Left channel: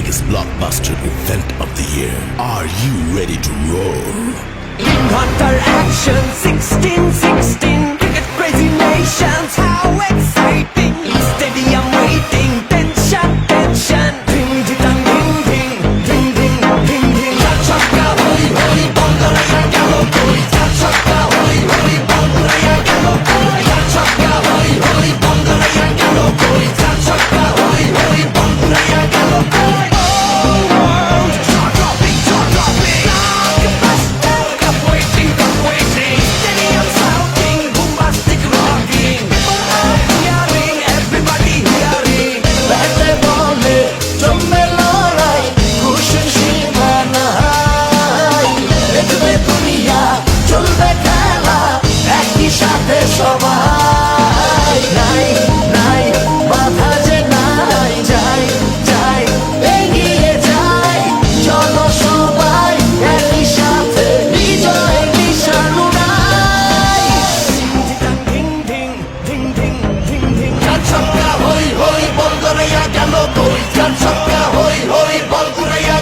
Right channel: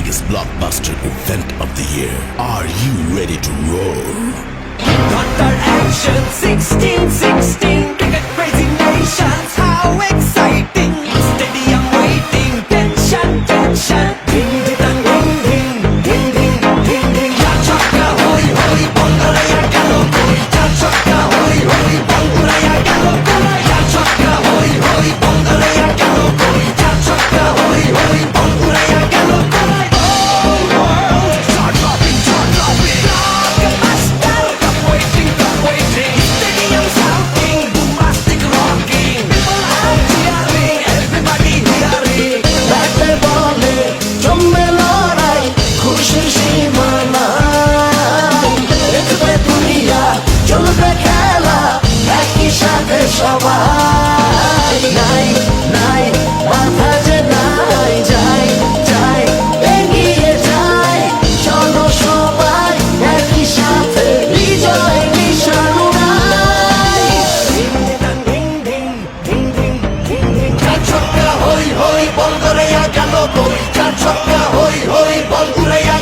biggest blockbuster event of the year. Are you ready to roll? Thunder action 1616 cricket crazy nations, how exciting! Stadium waiting, tension, tension. Ding ding ding ding ding ding ding ding. Chakka hoi hoi, banguraya gelo koi. Chakka hoi hoi, banguraya gelo koi. Chakka hoi hoi, banguraya gelo koi. Chakka hoi hoi, banguraya gelo koi. Oh world, jaw dropping, jaw dropping. Blockbuster, cup waiting, cup waiting. Stadium shouting, bombastic rocking. People are cheering, everybody hearing. ব্যাটে বলে জমে লড়াই, খুশির সীমা নাই। দেখবে দুনিয়া, চলবে খেলা, একই সাথে সবাই। নাই নাই বাধা যে নাই, যাই যাই এগিয়ে যাই। চলো সবাই একই সাথে বিজয় নিশান উড়াই। Ding ding ding ding ding ding. ছক্কা হই হই বল গড়াইয়া গেল কই, চার ছক্কা হই হই বল ঘুরাইয়া